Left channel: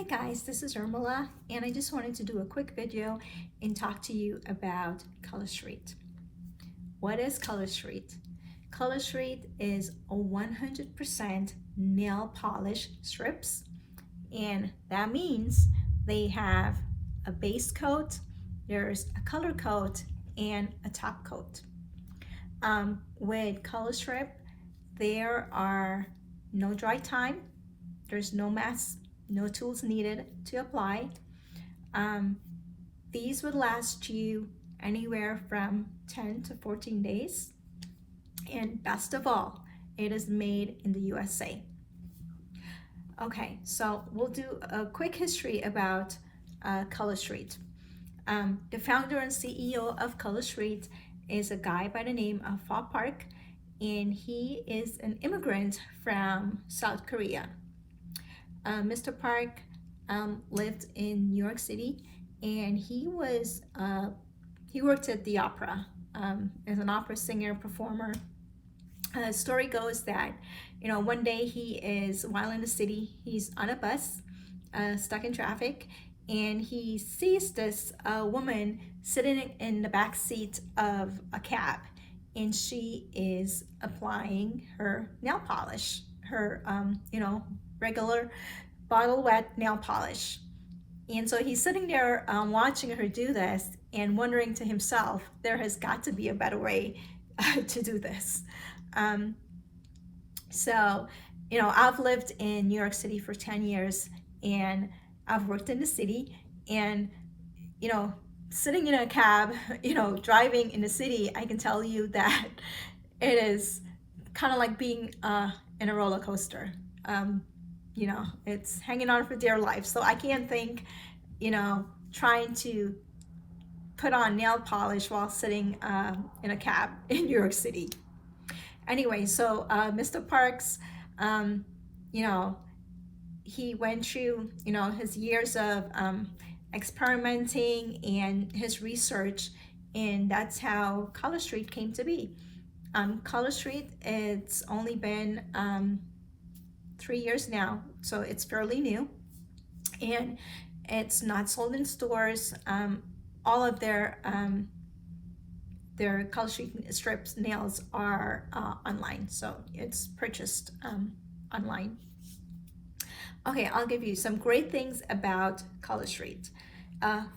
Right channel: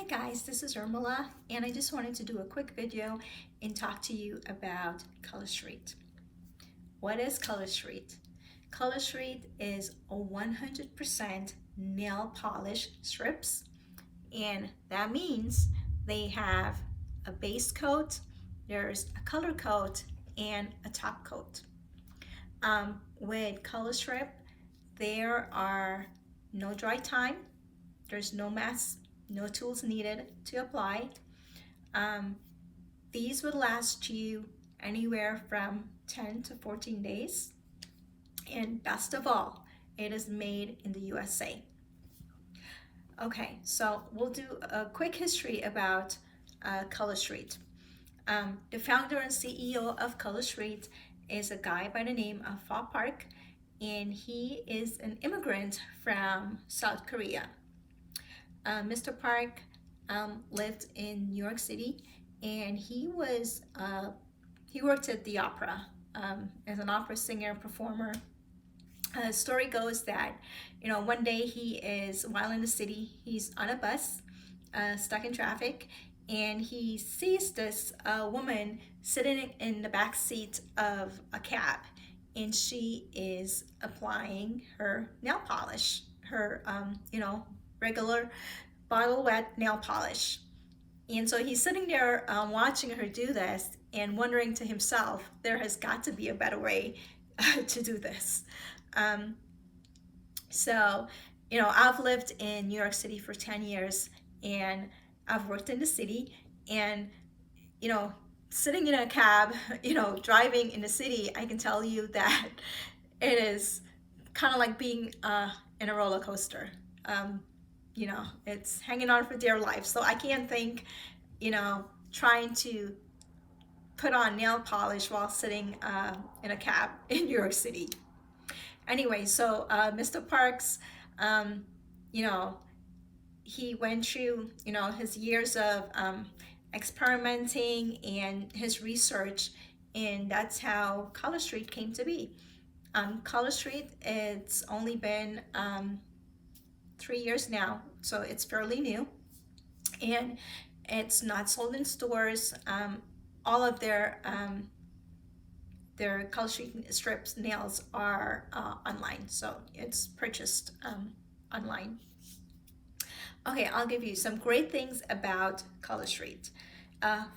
Hi guys, this is Urmila, and I just wanted to do a quick video and talk to you about Color Street. What is Color Street? Color Street is a 100% nail polish strips, and that means they have a base coat, there's a color coat, and a top coat. With Color Strip, there are no dry time, there's no mess, no tools needed to apply. These would last you anywhere from 10 to 14 days. And best of all, it is made in the USA. Okay, so we'll do a quick history about Color Street. The founder and CEO of Color Street is a guy by the name of Pho Park, and he is an immigrant from South Korea. Mr. Park lived in New York City, and he worked at the opera as an opera singer, performer. Story goes that, one day while in the city, he's on a bus, stuck in traffic, and he sees this woman sitting in the back seat of a cab, and she is applying her nail polish, her regular bottle wet nail polish. And so he's sitting there watching her do this and wondering to himself, there has got to be a better way to do this. I've lived in New York City for 10 years, and I've worked in the city, and sitting in a cab, driving in the city, I can tell you that it is kind of like being in a roller coaster. It's hanging on for dear life. So I can't think, trying to put on nail polish while sitting in a cab in New York City. Anyway, so Mr. Parks, he went through, his years of experimenting and his research, and that's how Color Street came to be. Color Street, it's only been 3 years now, so it's fairly new, and it's not sold in stores. All of their Color Street strips nails are online, so it's purchased online. Okay, I'll give you some great things about Color Street.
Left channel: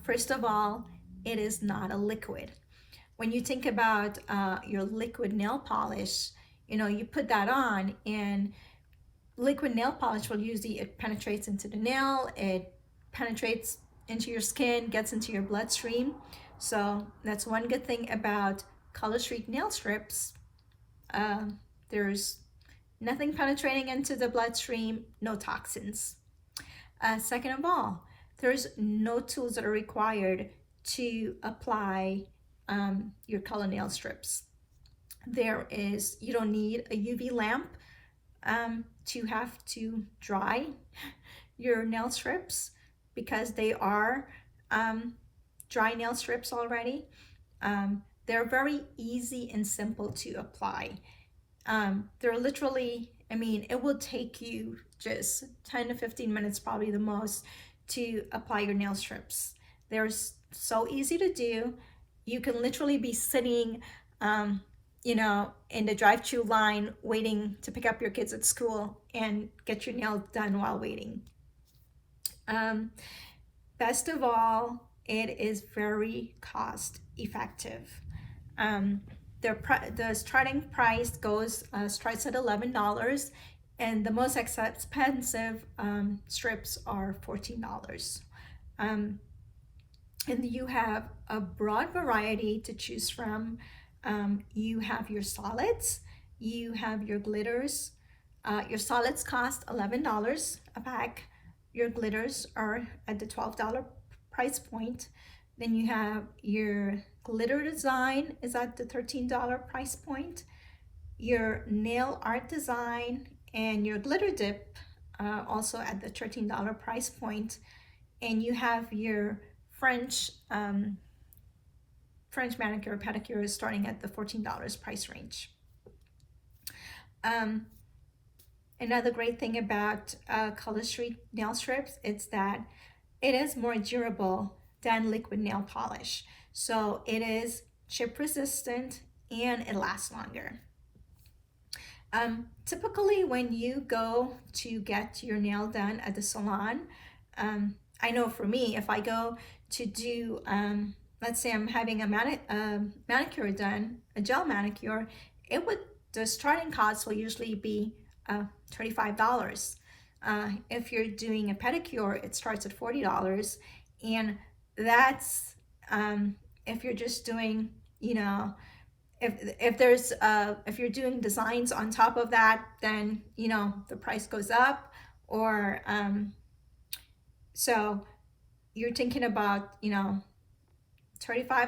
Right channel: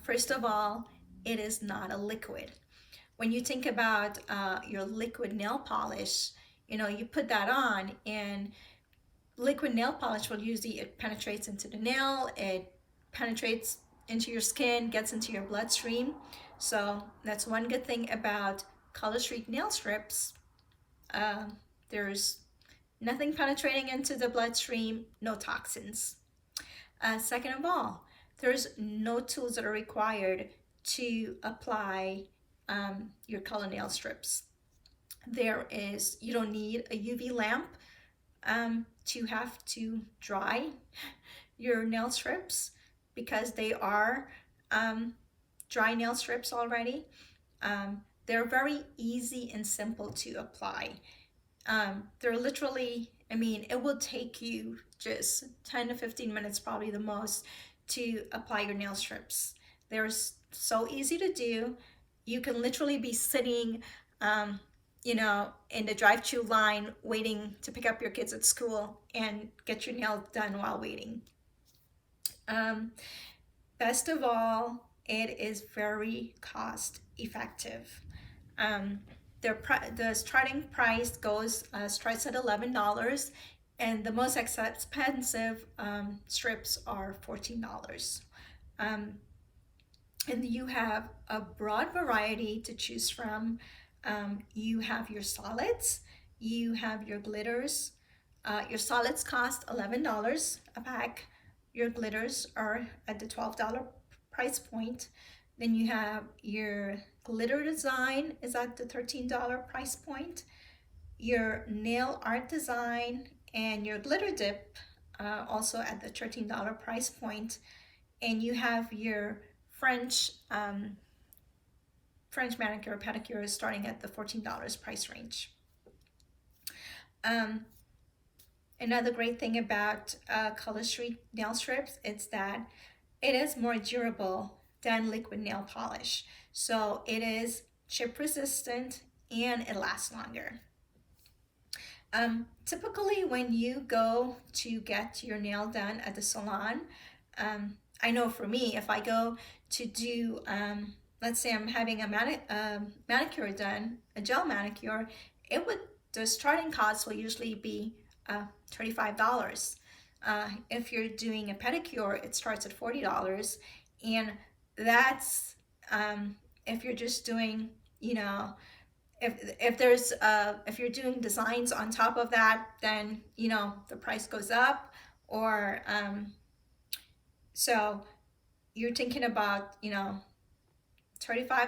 First of all, it is not a liquid. When you think about your liquid nail polish, you put that on, and liquid nail polish will usually, it penetrates into the nail, it penetrates into your skin, gets into your bloodstream. So that's one good thing about Color Street nail strips. There's nothing penetrating into the bloodstream, no toxins. Second of all, there's no tools that are required to apply your color nail strips. You don't need a UV lamp to have to dry your nail strips, because they are dry nail strips already. They're very easy and simple to apply. They're literally, it will take you just 10 to 15 minutes, probably the most, to apply your nail strips. They're so easy to do. You can literally be sitting in the drive-thru line waiting to pick up your kids at school and get your nails done while waiting. Best of all, it is very cost effective. The starting price starts at $11, and the most expensive strips are $14. And you have a broad variety to choose from. You have your solids, you have your glitters. Your solids cost $11 a pack. Your glitters are at the $12 price point. Then you have your glitter design is at the $13 price point. Your nail art design and your glitter dip also at the $13 price point. And you have your French manicure, pedicure is starting at the $14 price range. Another great thing about Color Street nail strips is that it is more durable than liquid nail polish. So it is chip resistant and it lasts longer. Typically when you go to get your nail done at the salon, I know for me, if I go to do, let's say I'm having a manicure done, a gel manicure, the starting cost will usually be $35. If you're doing a pedicure, it starts at $40, and that's if you're just doing, you know, if you're doing designs on top of that, then you know the price goes up. Or so you're thinking about, you know, $35,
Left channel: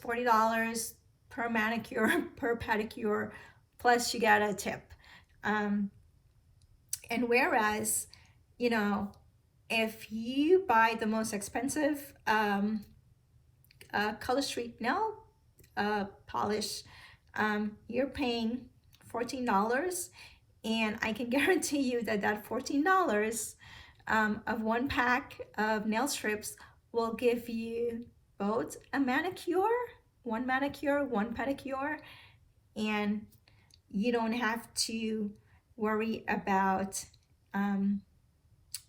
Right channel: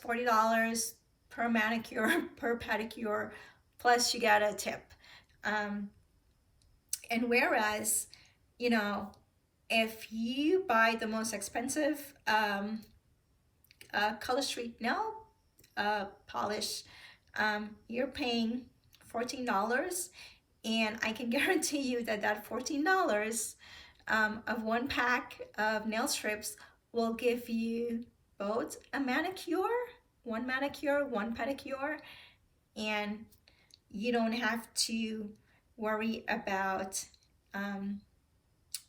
$40 per manicure, per pedicure, plus you get a tip. And whereas, you know, if you buy the most expensive Color Street nail polish, you're paying $14, and I can guarantee you that that $14 of one pack of nail strips will give you both a manicure, one pedicure, and you don't have to worry about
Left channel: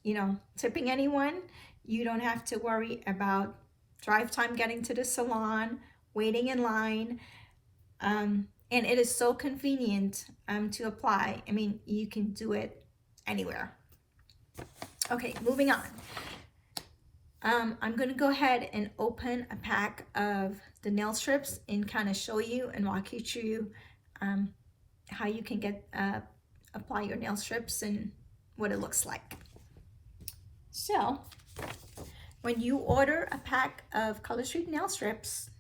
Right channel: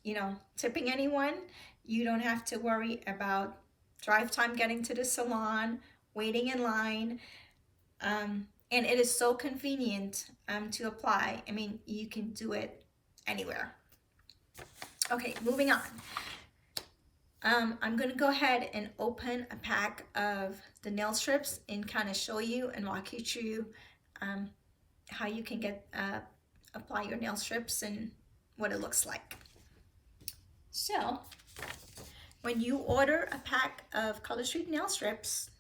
you know, tipping anyone. You don't have to worry about drive time getting to the salon, waiting in line, and it is so convenient to apply. I mean, you can do it anywhere. Okay, moving on. I'm gonna go ahead and open a pack of the nail strips and kind of show you and walk you through how you can get apply your nail strips and what it looks like. So when you order a pack of Color Street nail strips,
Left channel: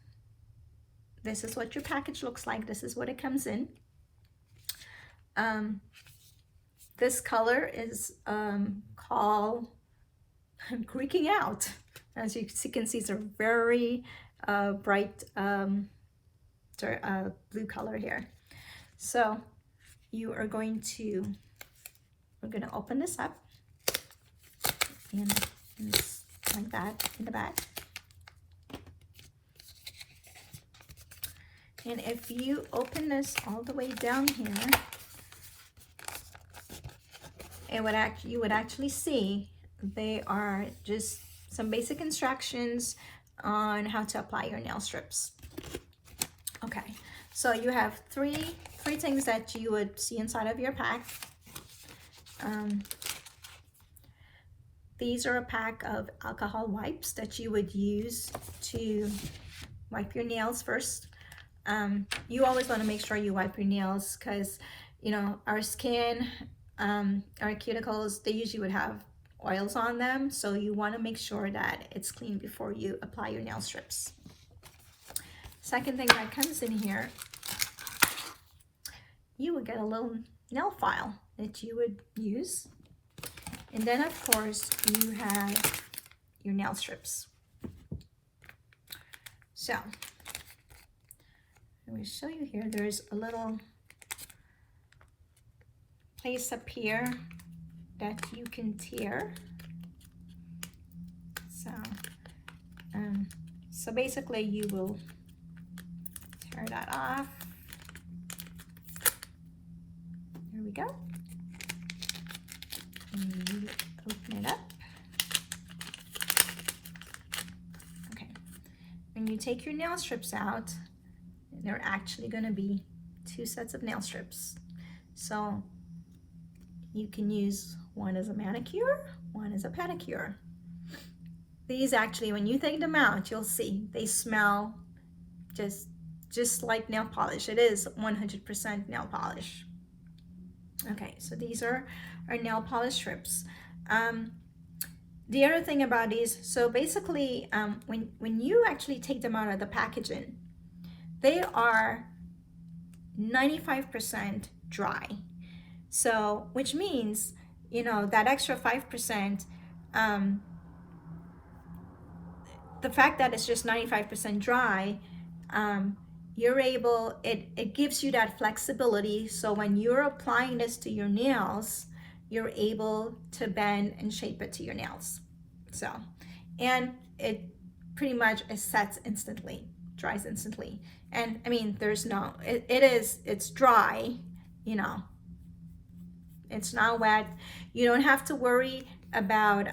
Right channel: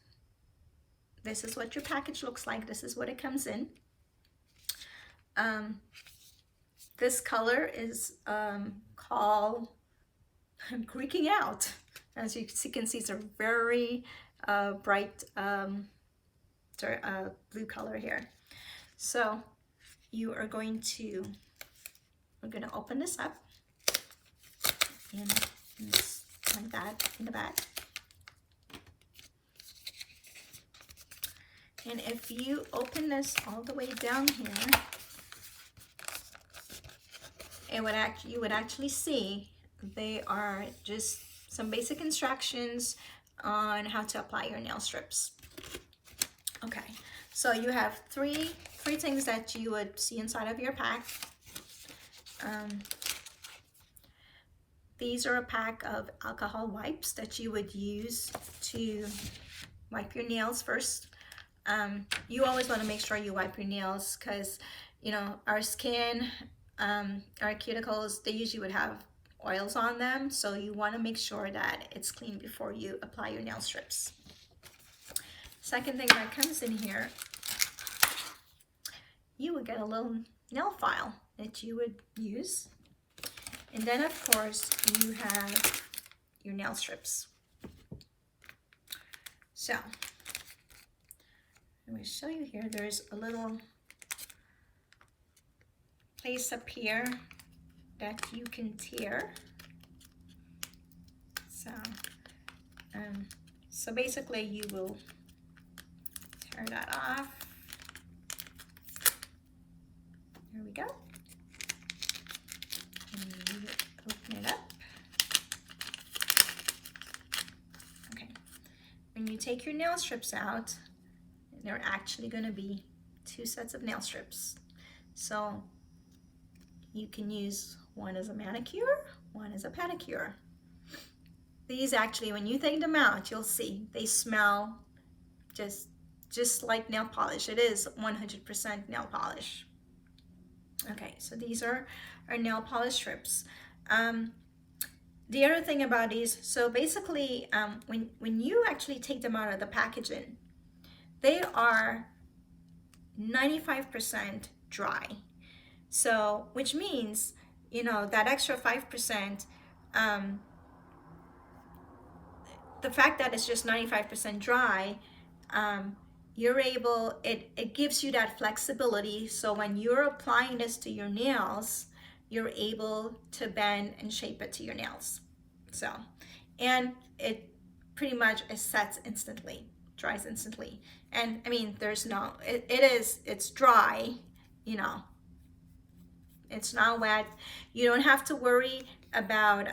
this is what your package looks like. This is what it comes in. This color is called Creaking Out. As you can see, it's a very bright blue color here. So we're going to open this up and just like that in the back. And if you open this all the way down here, you would actually see they are just some basic instructions on how to apply your nail strips. Okay, so you have three things that you would see inside of your pack. These are a pack of alcohol wipes that you would use to wipe your nails first. You always want to make sure you wipe your nails because, you know, our skin, our cuticles, they usually would have oils on them. So you want to make sure that it's clean before you apply your nail strips. Second thing that comes in here, you would get a little nail file that you would use. And then of course you have your nail strips. So let me show you here. There's a little place up here that you can tear. So basically you will tear that off. There we go. And you open it up. Okay. When you take your nail strips out, there are actually going to be 2 sets of nail strips. So you can use one as a manicure, one as a pedicure. These actually, when you take them out, you'll see they smell just like nail polish. It is 100% nail polish. Okay, so these are our nail polish strips. The other thing about these, so basically when you actually take them out of the packaging, they are 95% dry. So, which means, you know, that extra 5%, the fact that it's just 95% dry, you're able, it gives you that flexibility. So when you're applying this to your nails, you're able to bend and shape it to your nails. So, and it pretty much sets instantly, dries instantly. And I mean, there's no, it's dry, you know, it's not wet. You don't have to worry about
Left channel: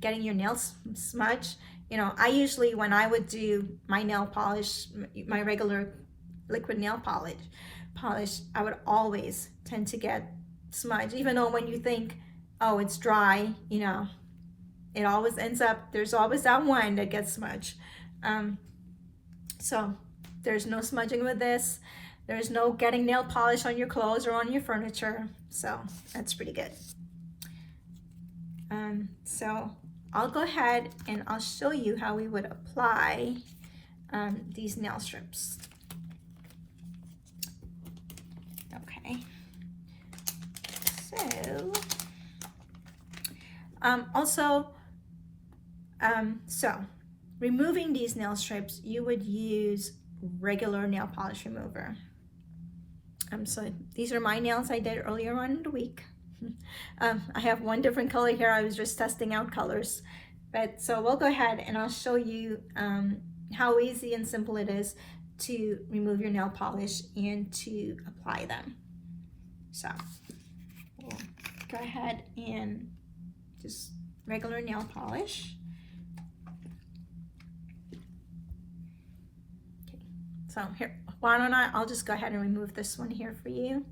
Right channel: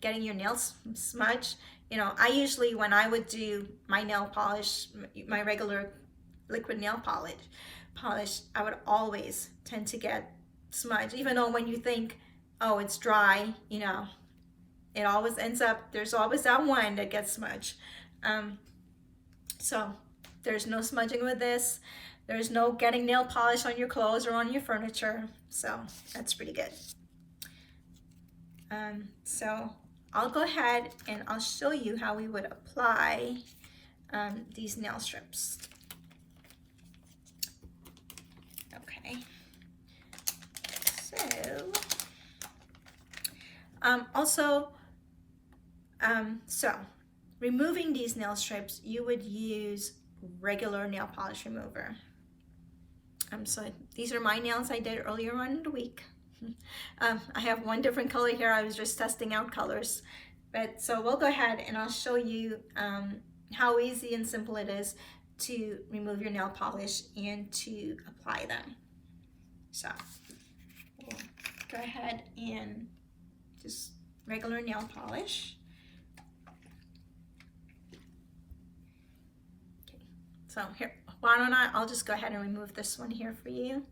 getting your nails smudged. You know, I usually, when I would do my nail polish, my regular liquid nail polish, I would always tend to get smudged, even though when you think, oh, it's dry, you know, it always ends up, there's always that one that gets smudged. So there's no smudging with this. There's no getting nail polish on your clothes or on your furniture. So that's pretty good. So I'll go ahead and I'll show you how we would apply these nail strips. Okay. So so removing these nail strips, you would use regular nail polish remover. So these are my nails I did earlier on in the week. I have one different color here. I was just testing out colors. But so we'll go ahead and I'll show you how easy and simple it is to remove your nail polish and to apply them. So we'll go ahead and just regular nail polish. Okay, so here, why don't I'll just go ahead and remove this one here for you.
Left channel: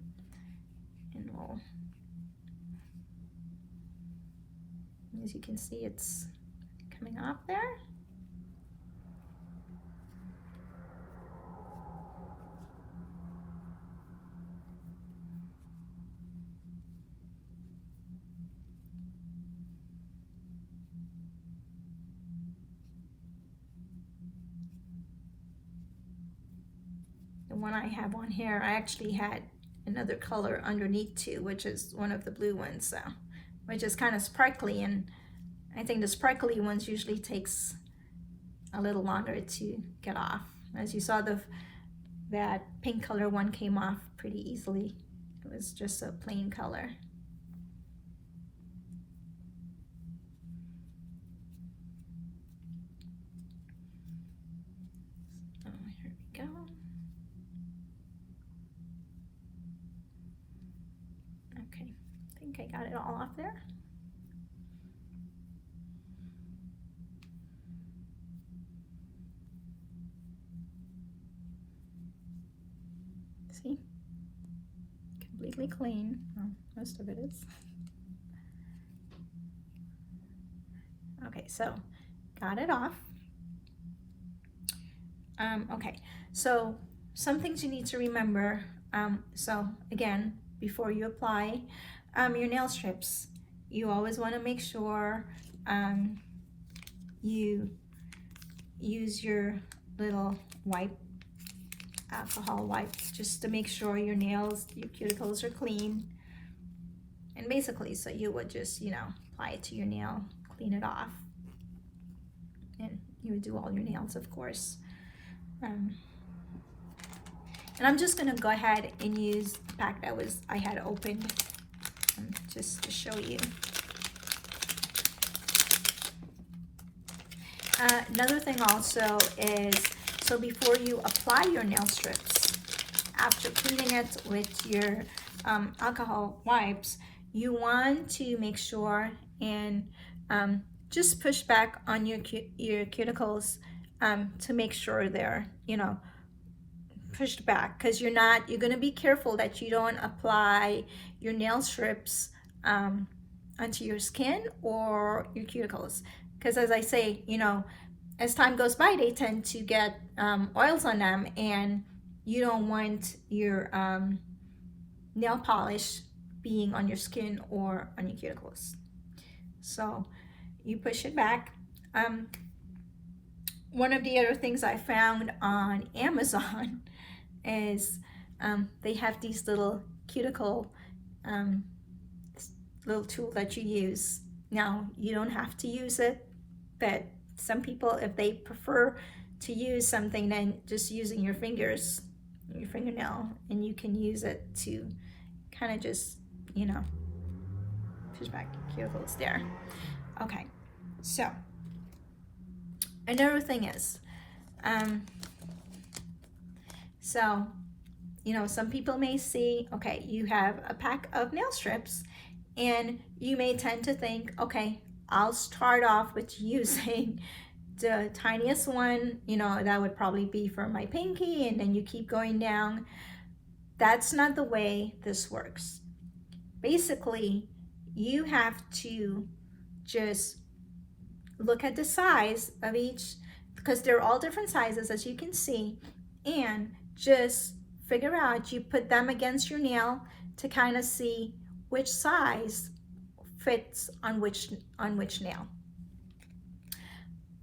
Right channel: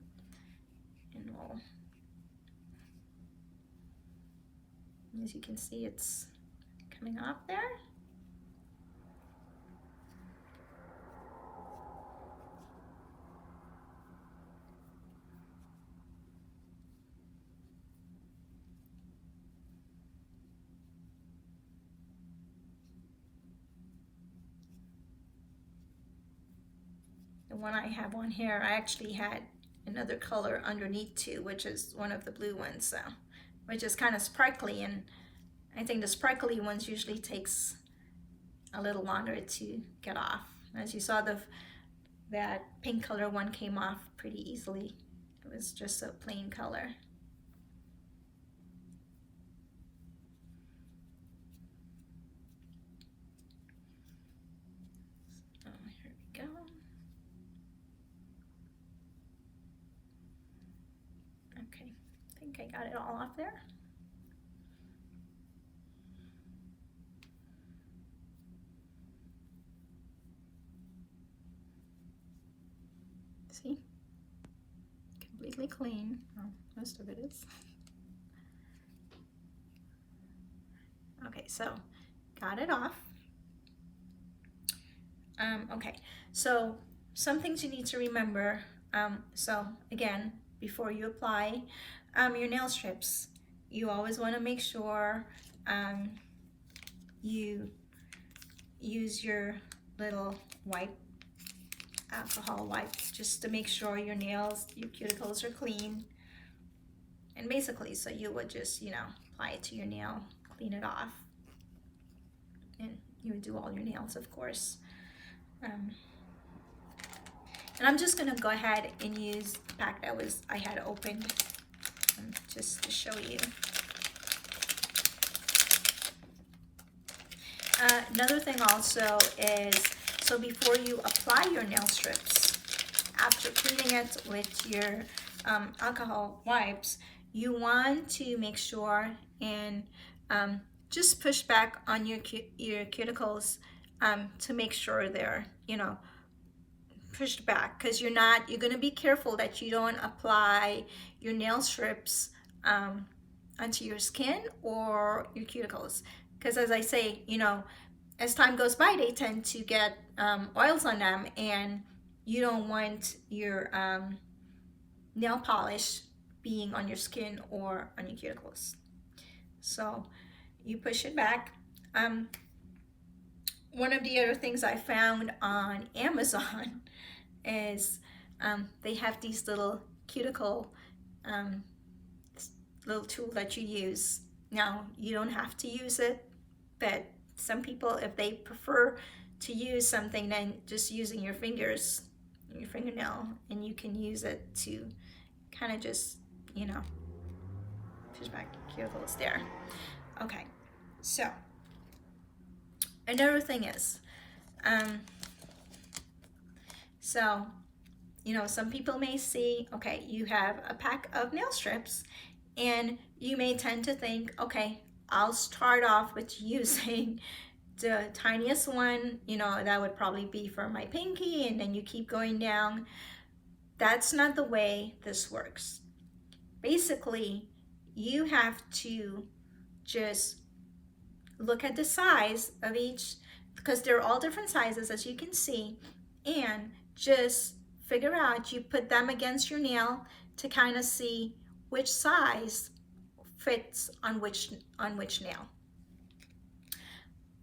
And we'll, as you can see, it's coming off there. The one I have on here, I actually had another color underneath too, which is one of the blue ones, so, which is kind of sparkly, and I think the sparkly ones usually takes a little longer to get off. As you saw, that pink color one came off pretty easily. It was just a plain color. So here we go. Okay, I think I got it all off there. See? Completely clean. Well, most of it is. Okay, so got it off. Okay, so some things you need to remember. So again, before you apply your nail strips, you always want to make sure you use your little wipe, alcohol wipe, just to make sure your nails, your cuticles are clean. And basically, so you would just, you know, apply it to your nail, clean it off, and you would do all your nails, of course. And I'm just gonna go ahead and use the pack that I had opened just to show you. Another thing also is, so before you apply your nail strips, after cleaning it with your alcohol wipes, you want to make sure and just push back on your cuticles to make sure they're, you know, pushed back, because you're going to be careful that you don't apply your nail strips onto your skin or your cuticles, because as I say, you know, as time goes by, they tend to get oils on them, and you don't want your nail polish being on your skin or on your cuticles. So you push it back. One of the other things I found on Amazon is they have these little cuticle little tool that you use. Now, you don't have to use it, but some people, if they prefer to use something, then just using your fingers, your fingernail, and you can use it to kind of just, you know, push back, careful, it's there. Okay, so another thing is, so, you know, some people may see, okay, you have a pack of nail strips and you may tend to think, okay, I'll start off with using the tiniest one, you know, that would probably be for my pinky, and then you keep going down. That's not the way this works. Basically, you have to just look at the size of each, because they're all different sizes, as you can see, and just figure out, you put them against your nail to kind of see which size fits on which nail.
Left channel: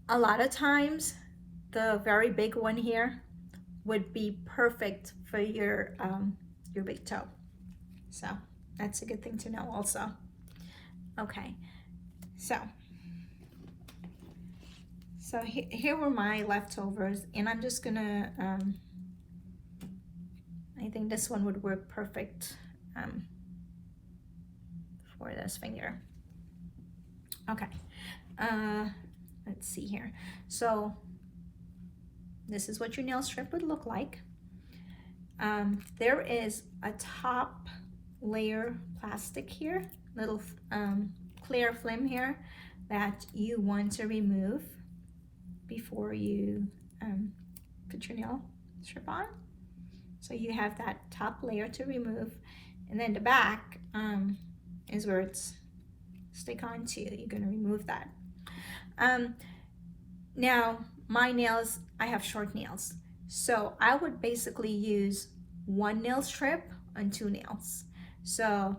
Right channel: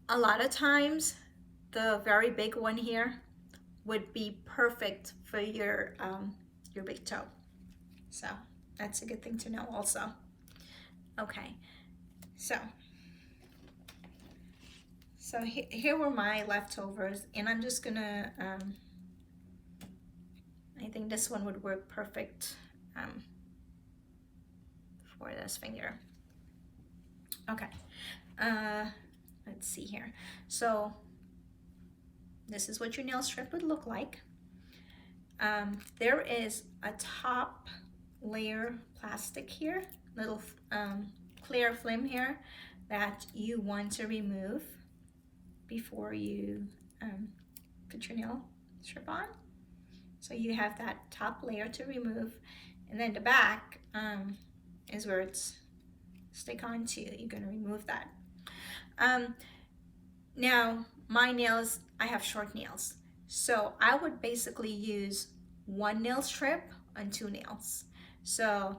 A lot of times the very big one here would be perfect for your big toe, so that's a good thing to know also. Okay, so here were my leftovers, and I'm just gonna I think this one would work perfect for this finger. Okay, let's see here. So this is what your nail strip would look like. There is a top layer plastic here, little clear film here, that you want to remove before you put your nail strip on. So you have that top layer to remove, and then the back is where it's stick onto. You're going to remove that. Now my nails, I have short nails, so I would basically use one nail strip on two nails. So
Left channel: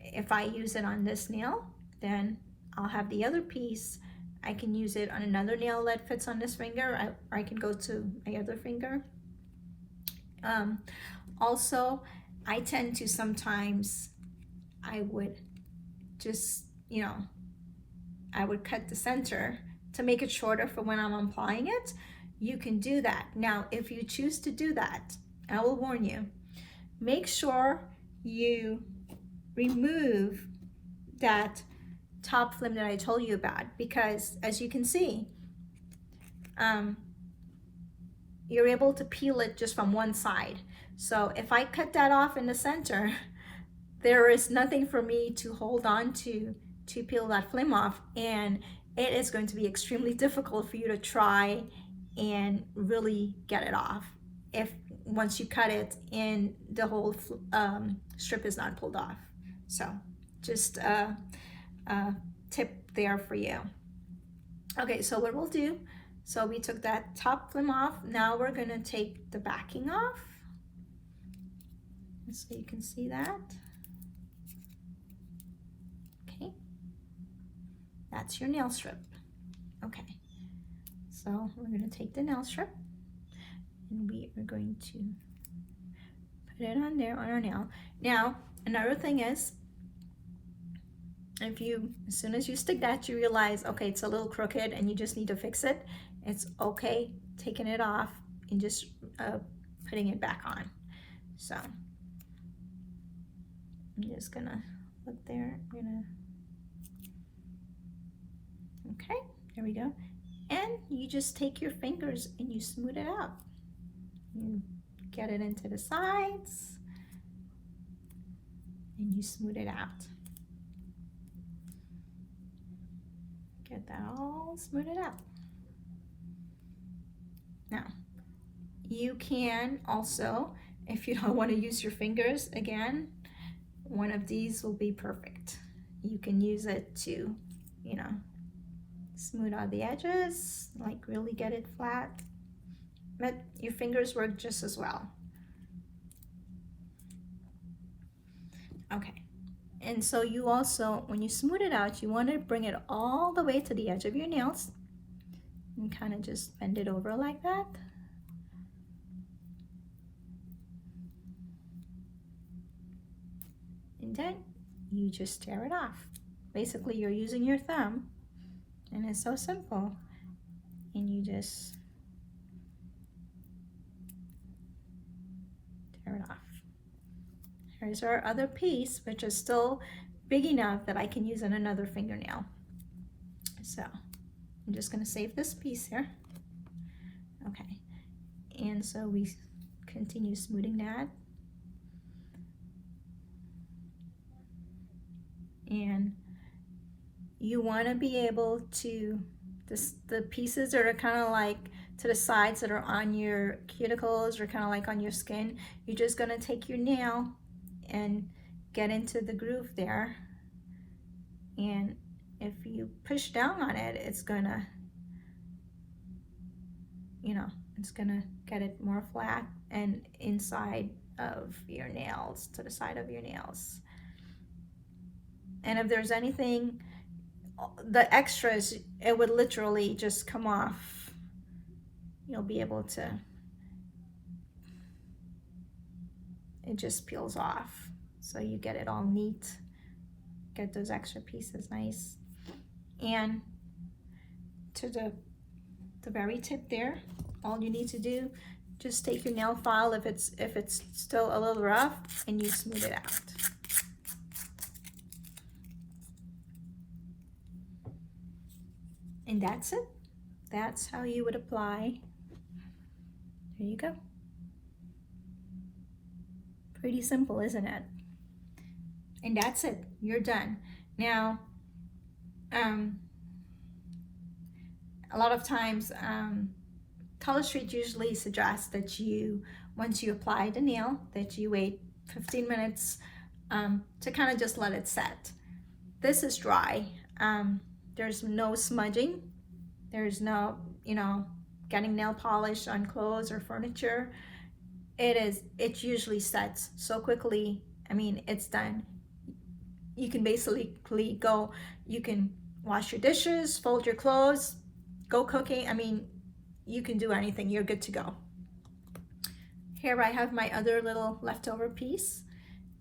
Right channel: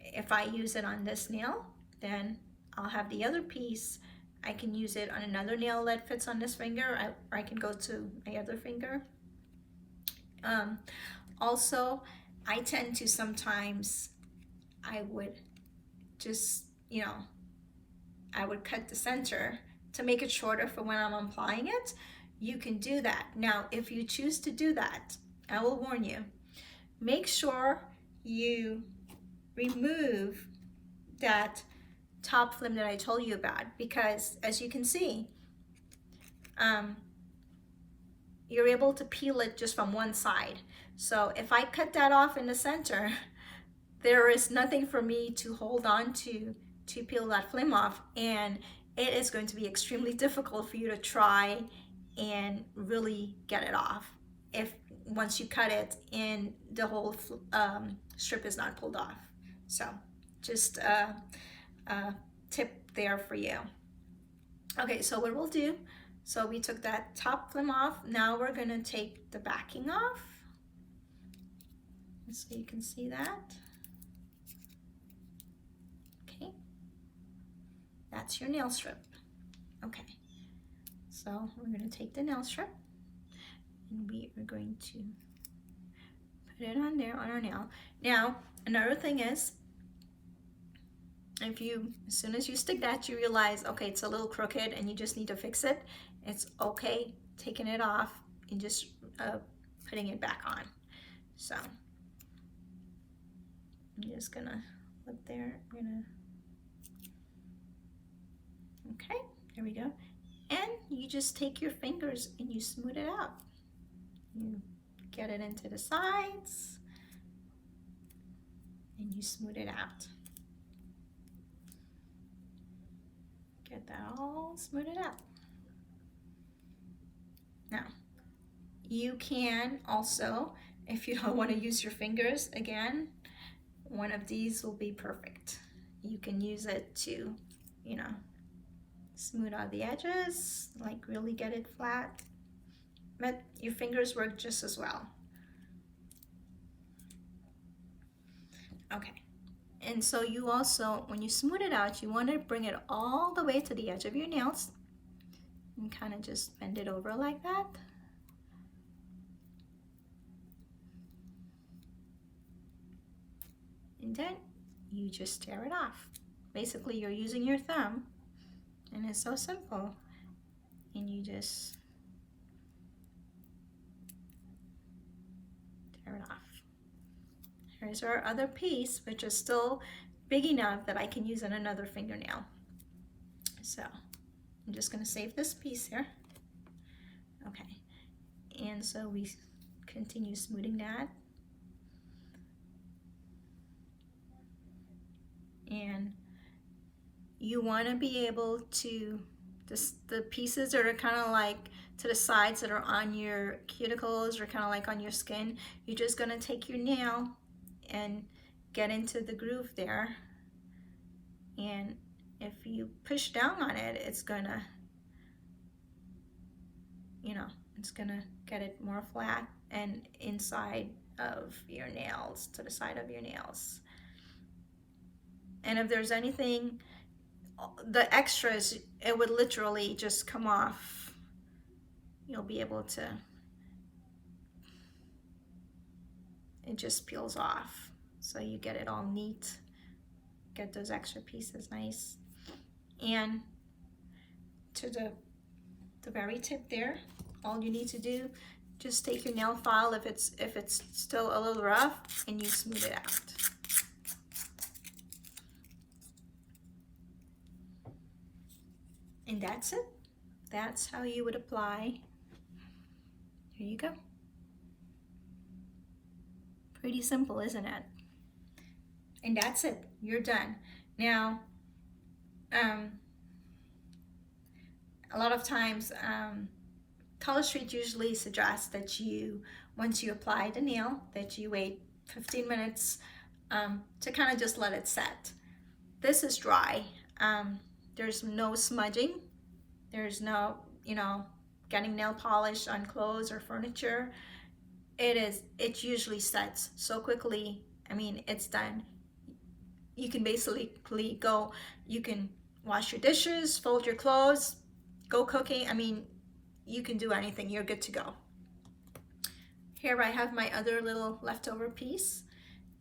if I use it on this nail, then I'll have the other piece. I can use it on another nail that fits on this finger, or I can go to my other finger. Also, I tend to sometimes, I would just, you know, I would cut the center to make it shorter for when I'm applying it. You can do that. Now, if you choose to do that, I will warn you, make sure you remove that top film that I told you about, because as you can see, you're able to peel it just from one side. So if I cut that off in the center, there is nothing for me to hold on to peel that film off, and it is going to be extremely difficult for you to try and really get it off if once you cut it and the whole strip is not pulled off. So just a tip there for you. Okay, so what we'll do, so we took that top film off. Now we're gonna take the backing off, so you can see that. Okay, that's your nail strip. Okay, so we're gonna take the nail strip and we are going to put it on there on our nail. Now, another thing is, if you, as soon as you stick that, you realize, okay, it's a little crooked and you just need to fix it, it's okay taking it off and just putting it back on. So I'm just gonna look there, okay, there we go. And you just take your fingers and you smooth it out. You get it into the sides and you smooth it out. Get that all smoothed out. Now, you can also, if you don't want to use your fingers again, one of these will be perfect. You can use it to, you know, smooth out the edges, like really get it flat. But your fingers work just as well. Okay. And so you also, when you smooth it out, you want to bring it all the way to the edge of your nails and kind of just bend it over like that. And then you just tear it off. Basically, you're using your thumb, and it's so simple. And you just tear it off. Here's our other piece, which is still big enough that I can use on another fingernail. So I'm just going to save this piece here. Okay, and so we continue smoothing that. And you want to be able to, the pieces that are kind of like to the sides that are on your cuticles or kind of like on your skin, you're just going to take your nail and get into the groove there. And if you push down on it, it's going to, you know, it's going to get it more flat and inside of your nails, to the side of your nails. And if there's anything, the extras, it would literally just come off. You'll be able to, it just peels off. So you get it all neat, get those extra pieces nice. And to the very tip there, all you need to do, just take your nail file if it's still a little rough, and you smooth it out. And that's it. That's how you would apply. There you go. Pretty simple, isn't it? And that's it. You're done. Now, a lot of times, Color Street usually suggests that you, once you apply the nail, that you wait 15 minutes to kind of just let it set. This is dry. There's no smudging. There's no, you know, getting nail polish on clothes or furniture. It usually sets so quickly. I mean, it's done. You can basically go, you can wash your dishes, fold your clothes, go cooking. I mean, you can do anything. You're good to go. Here I have my other little leftover piece,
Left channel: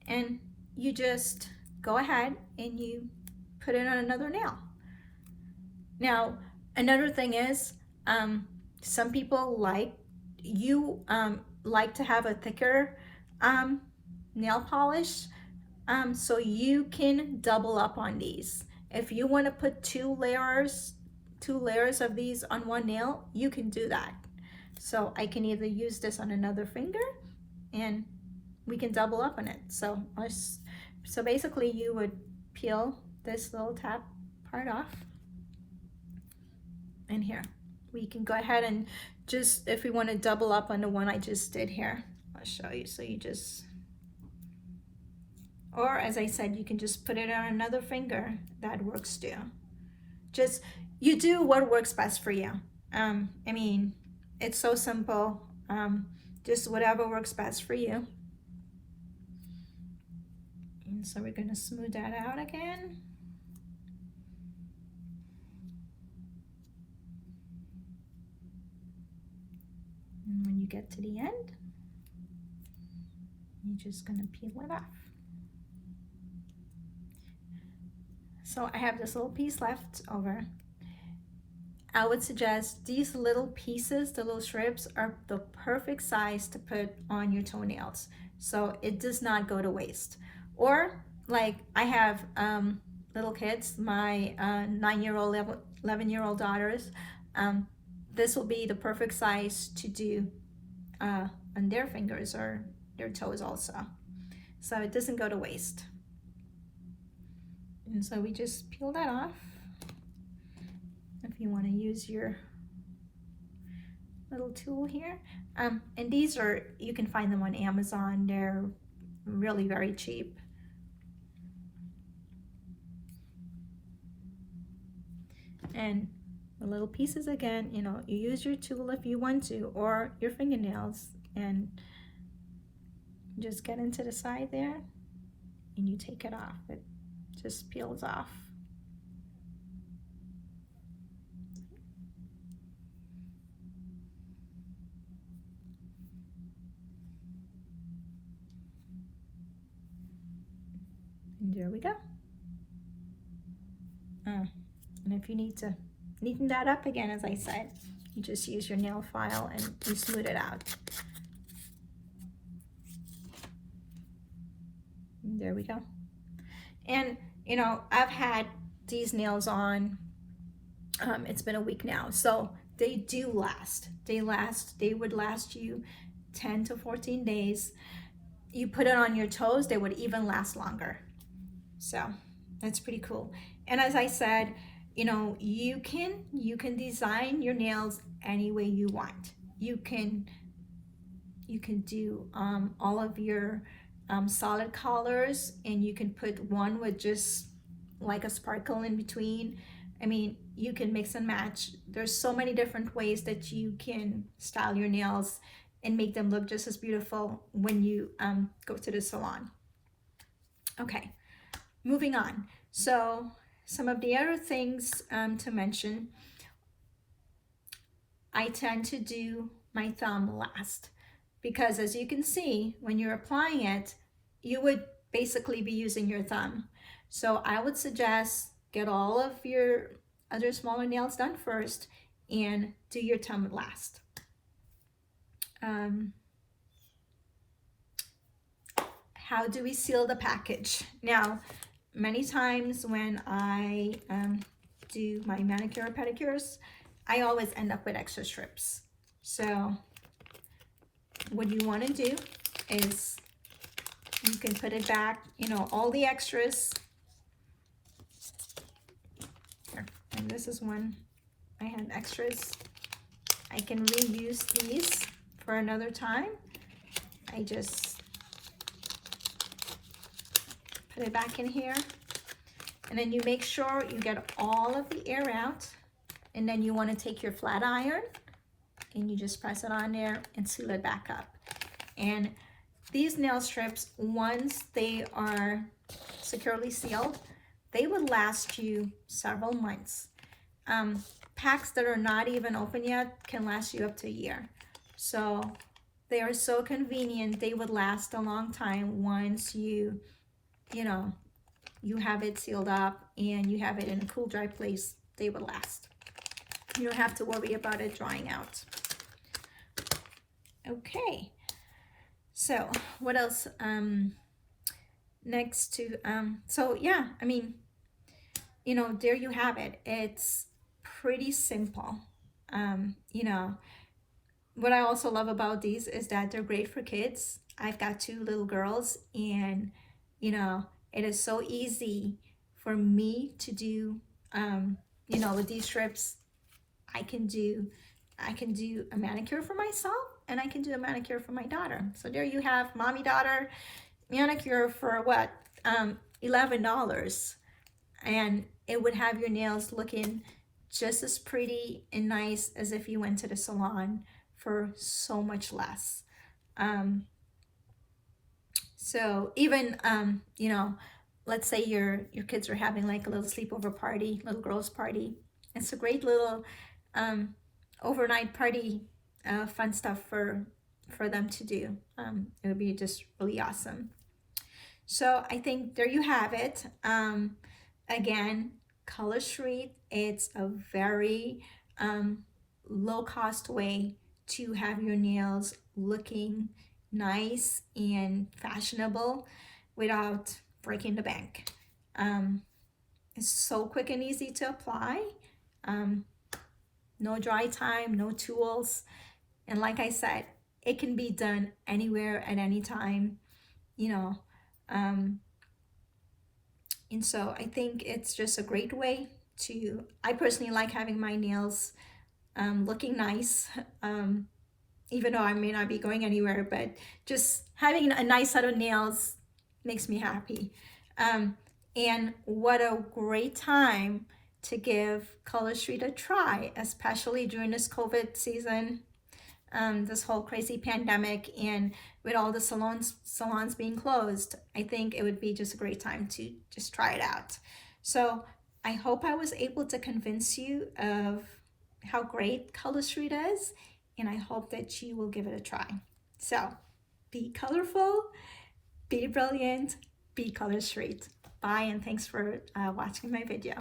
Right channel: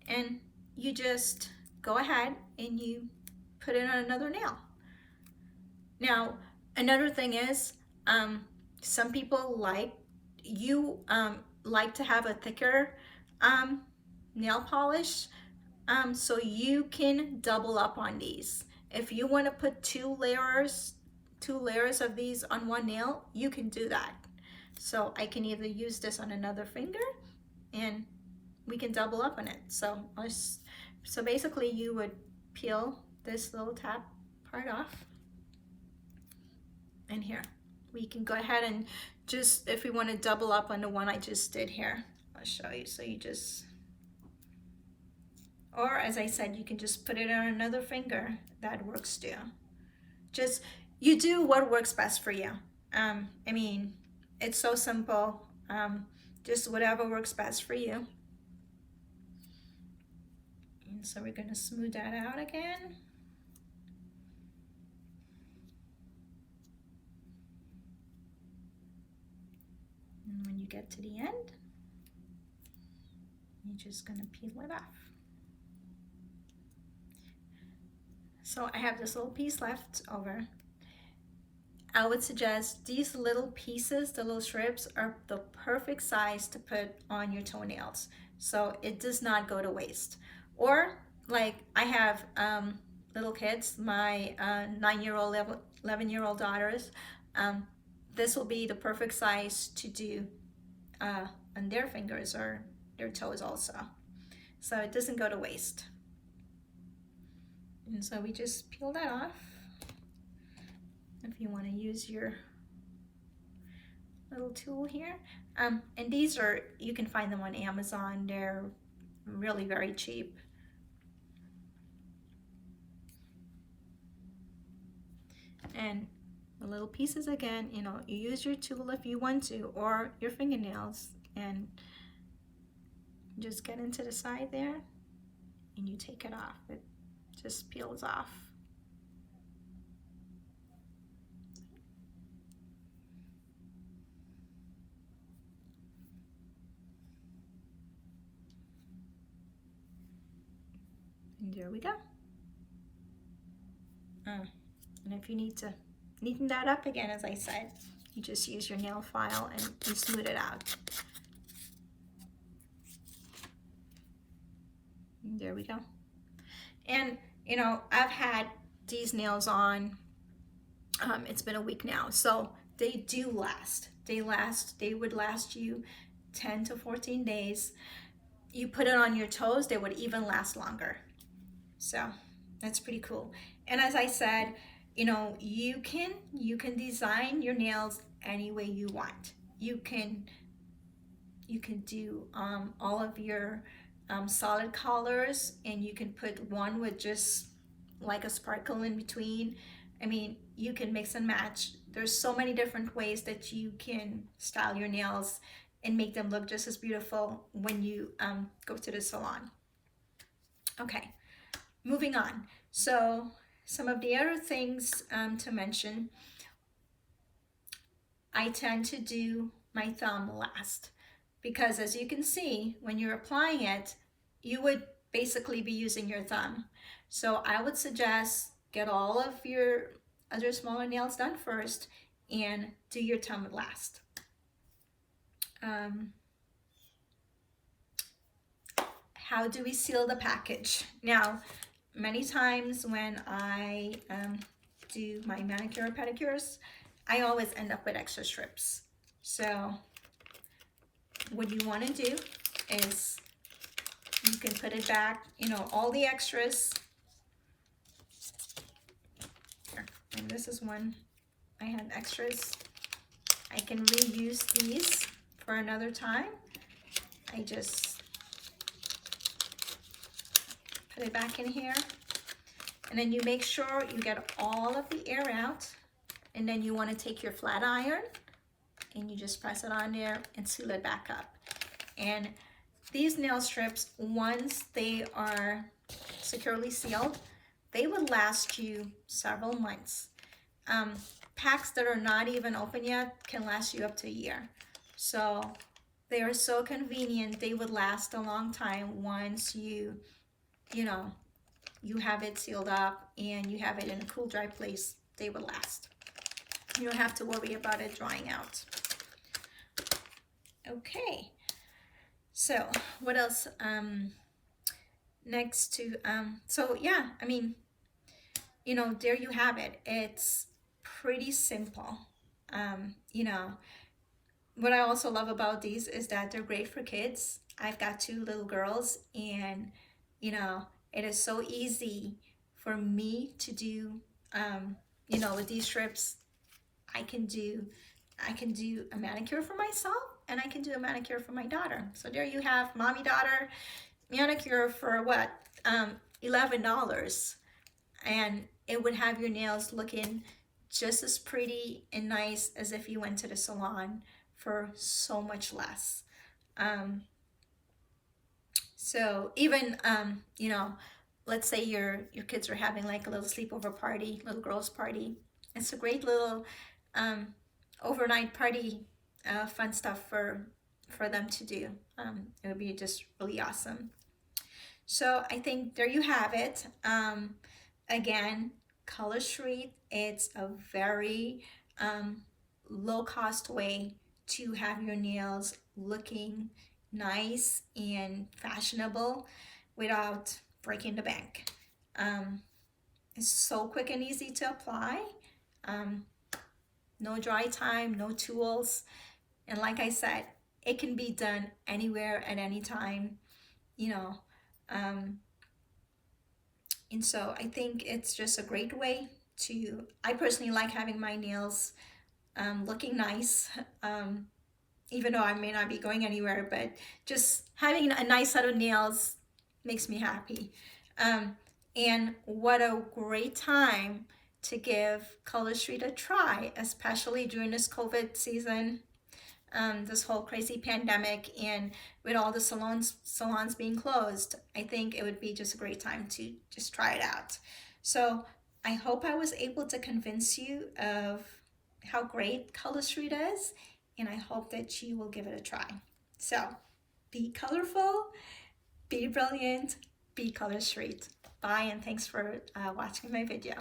and you just go ahead and you put it on another nail. Now, another thing is, some people like to have a thicker nail polish, so you can double up on these. If you want to put two layers of these on one nail, you can do that. So I can either use this on another finger, and we can double up on it. So basically you would peel this little tab part off. And here, we can go ahead and just, if we want to double up on the one I just did here, I'll show you. So you just, or as I said, you can just put it on another finger. That works too. Just, you do what works best for you. I mean, it's so simple. Just whatever works best for you. And so we're going to smooth that out again. And when you get to the end, you're just going to peel it off. So I have this little piece left over. I would suggest these little pieces, the little strips, are the perfect size to put on your toenails, so it does not go to waste. Or like I have little kids, my 9-year-old, 11-year-old daughters, this will be the perfect size to do on their fingers or their toes also. So it doesn't go to waste. And so we just peel that off. If you want to use your little tool here. And these are, you can find them on Amazon. They're really very cheap. And the little pieces again, you know, you use your tool if you want to, or your fingernails, and just get into the side there and you take it off. It just peels off. And there we go. And if you need to neaten that up again, as I said, you just use your nail file and you smooth it out. There we go. And you know, I've had these nails on, it's been a week now, so they do last. They would last you 10 to 14 days. You put it on your toes, they would even last longer. So that's pretty cool. And as I said, you know, you can design your nails any way you want. You can do all of your solid colors, and you can put one with just like a sparkle in between. I mean, you can mix and match. There's so many different ways that you can style your nails and make them look just as beautiful when you go to the salon. Okay, moving on. So some of the other things to mention, I tend to do my thumb last, because as you can see, when you're applying it, you would basically be using your thumb. So I would suggest get all of your other smaller nails done first and do your thumb last. How do we seal the package? Now, many times when I do my manicure or pedicures, I always end up with extra strips. So what you want to do is you can put it back, you know, all the extras. Here, and this is one I had extras. I can reuse these for another time. I just put it back in here, and then you make sure you get all of the air out, and then you want to take your flat iron and you just press it on there and seal it back up. And these nail strips, once they are securely sealed, they will last you several months. Packs that are not even open yet can last you up to a year. So they are so convenient. They would last a long time once you know, you have it sealed up and you have it in a cool, dry place. They would last. You don't have to worry about it drying out. Okay, so what else? Next to, so yeah, I mean, you know, there you have it. It's pretty simple. You know, what I also love about these is that they're great for kids. I've got 2 little girls, and you know, it is so easy for me to do, you know, with these strips. I can do a manicure for myself, and I can do a manicure for my daughter. So there you have mommy daughter manicure for what, $11, and it would have your nails looking just as pretty and nice as if you went to the salon for so much less. So even you know, let's say your kids are having like a little sleepover party, little girls party. It's a great little overnight party, fun stuff for them to do. It would be just really awesome. So I think there you have it. Again, Color Street, it's a very low cost way to have your nails looking nice and fashionable without breaking the bank. It's so quick and easy to apply. No dry time, no tools. And like I said, it can be done anywhere at any time, you know. And so I think it's just a great way to, I personally like having my nails looking nice, even though I may not be going anywhere, but just having a nice set of nails makes me happy. And what a great time to give Color Street a try, especially during this COVID season, this whole crazy pandemic, and with all the salons being closed. I think it would be just a great time to just try it out. So I hope I was able to convince you of how great Color Street is, and I hope that you will give it a try. So be colorful, be brilliant, be Color Street. Bye, and thanks for watching my video.